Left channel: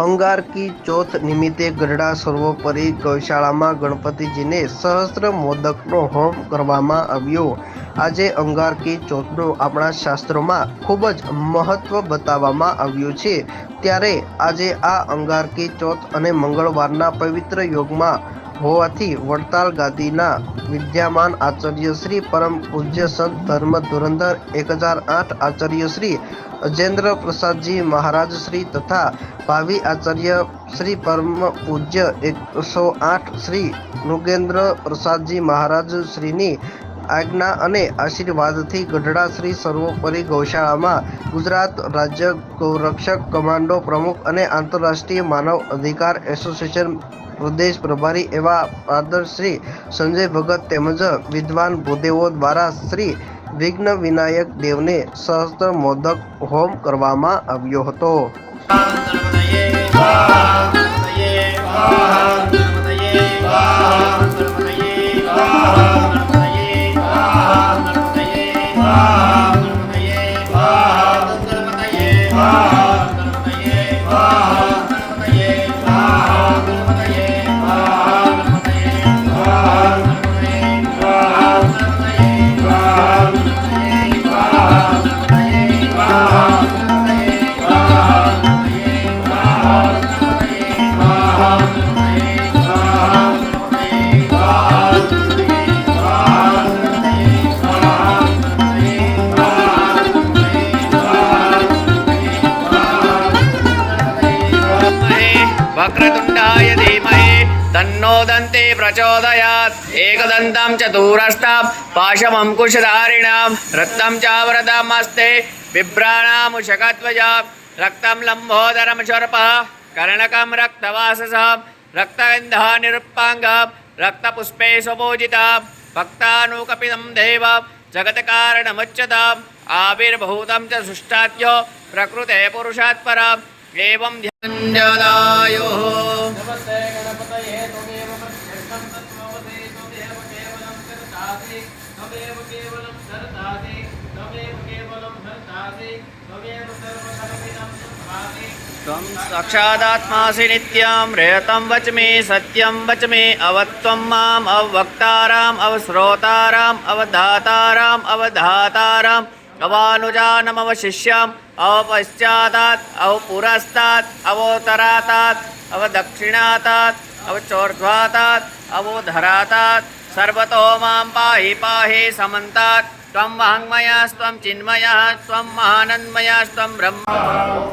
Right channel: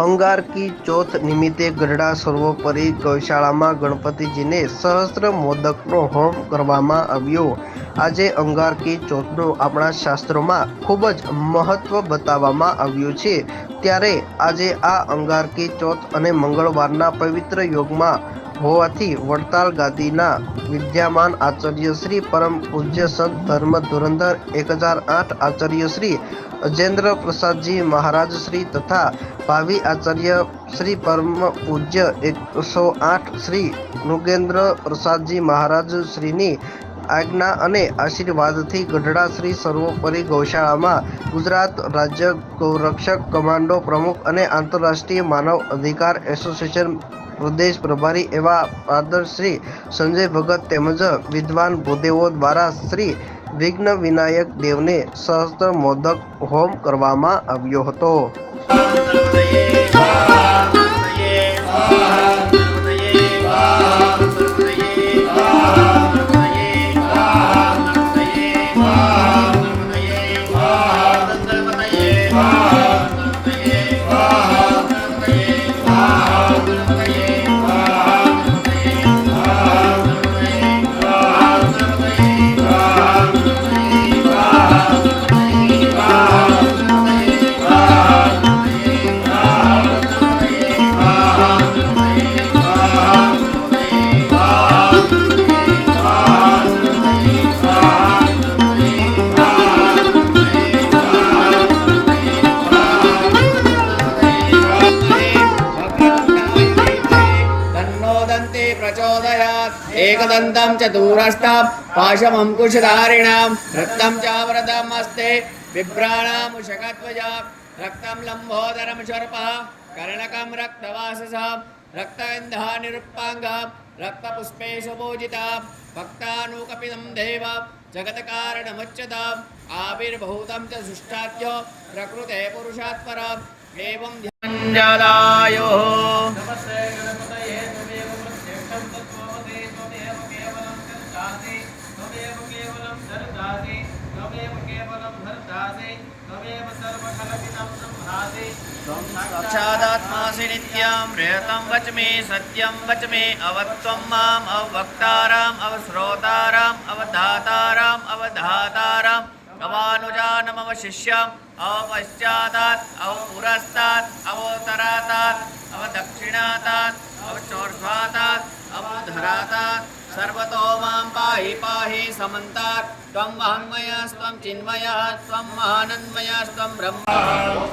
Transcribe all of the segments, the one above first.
અંગારકી ચોથ નિમિત્તે ગઢડા સર્વોપરી ગૌશાળામાં ગણપતિજીને સહસ્ત્ર મોદકનો હોમ કરવામાં આવ્યો. આજે અંગારકી ચોથનું આપણા શાસ્ત્રોમાં ખૂબ જ મહત્વ બતાવવામાં આવ્યું છે. ત્યારે આજે આ અંગારકી ચોથ અને મંગળવારના પવિત્ર યોગમાં હોવાથી વડતાલ ગાદીના વિદ્યામાન આચાર્ય શ્રી પરમ પૂજ્ય સંત ધર્મ ધુરંધર એક હજાર આઠ આચાર્ય શ્રી અજેન્દ્ર પ્રસાદજી મહારાજ શ્રી તથા ભાવિ આચાર્ય શ્રી પરમ પૂજ્ય એકસો આઠ શ્રી નૃગેન્દ્ર પ્રસાદજી મહારાજ શ્રીની આજ્ઞા અને આશીર્વાદથી ગઢડા શ્રી સર્વોપરી ગૌશાળામાં ગુજરાત રાજ્ય ગૌરક્ષક કમાન્ડો પ્રમુખ અને આંતરરાષ્ટ્રીય માનવ અધિકાર એસોસિએશન પ્રદેશ પ્રભારી એવા પાદર શ્રી સંજય ભગત તેમજ વિદ્વાન ભૂદેવો દ્વારા શ્રી વિઘ્ન વિનાયક દેવને સહસ્ત્ર મોદક હોમ કરવામાં આવ્યો હતો Ah! तन्नोदन्ते प्रचोदयात्। एकदन्तं च दूरस्थां पाशमङ्कुशधारिणां, रक्तं चावरदमस्ते बिभ्राणामुषकत्वजा रक्तं लम्भोदरमशर्पः कर्णकं रक्तवाससां रक्तगन्धानिरुपाङ्गां रक्तपुष्पे सुपूजितां भक्तानुकपितं देवां, जगत्कारणमुच्यताम्, आविर्भूतं च सुष्ठाद्य प्रकृते पुरुषात्पराम्, एवं ध्यानजाता त्वं साक्षादात्मासि नित्यं रेतं वच्मि, सत्यं वच्मि, अवत्वं माम्, अवक्ताराम् अवश्रोताराम् अवधाताराम् अवधाताराम्, अवानुजानमवशिष्याम् अवपश्चातात् अवपुरस्तात्, अवोत्तरातात्, अवदक्षिणातात्, अवचोर्ध्वातात्, अवोधरातात्, सर्वतो माँ पाहि पाहि समन्तात्। त्वं वाङ्मयास्त्वं चिन्मयः त्वं महानन्मयास्त्वं ब्रह्म।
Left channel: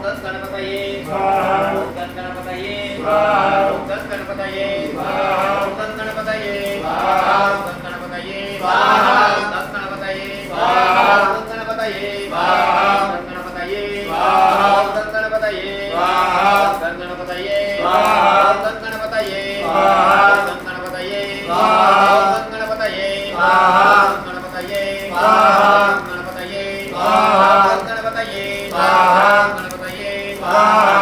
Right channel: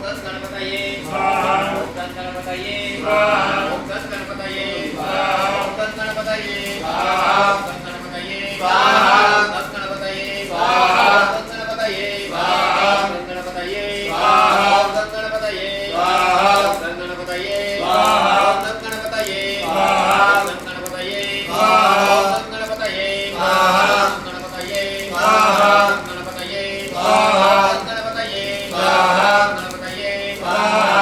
गणपतये। गणपतये। गणपतये स्वाहा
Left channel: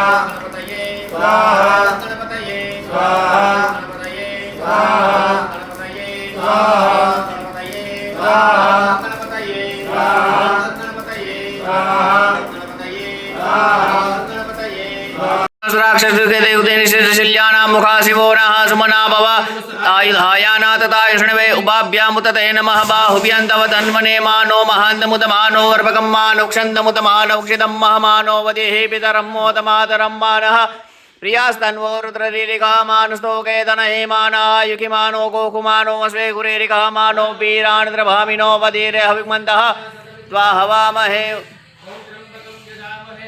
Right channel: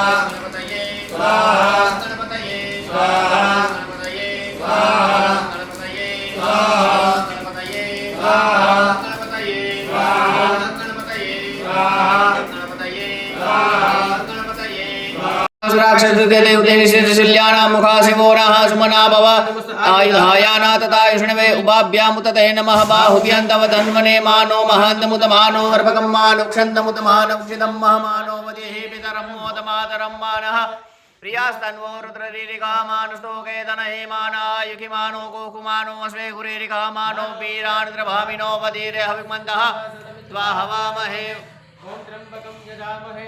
सुराक्षसुखेदेवतेनिशिल्यानां मुखा शिवो नः सुमना भव। आयुधायाना तथा ते नमः। बाहुभ्यन्तव तन्वने मानो महान्तमुत मानो अर्भकं मानुक्षन्तमुत मानौक्षितं महमानो वदेः पितरं मोदमातरं मानः। प्रियास्तन्वो रुद्ररीरिका मानस्तोके तनहेमाना गोकुमानो स्वे गुरेरिका मानो वीराणद्रभामिनो वदीरे हविमन्तः। त्वा हवामहे। ॐ त्र्यम्बकं यजामहे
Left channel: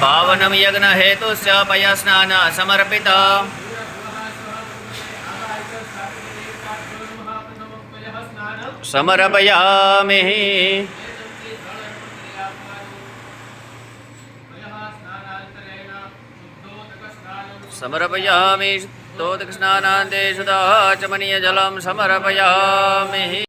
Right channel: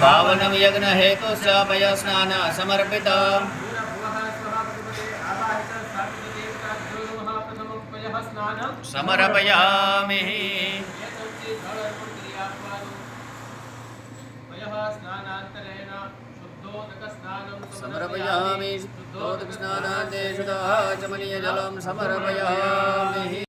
पावनम यज्ञ हेतु मया स्नान समर्पित समर्पयामि। समर्पयामि स्तोतकृष्णानान्ते सुधा चमनीयजलं समर्पयामि।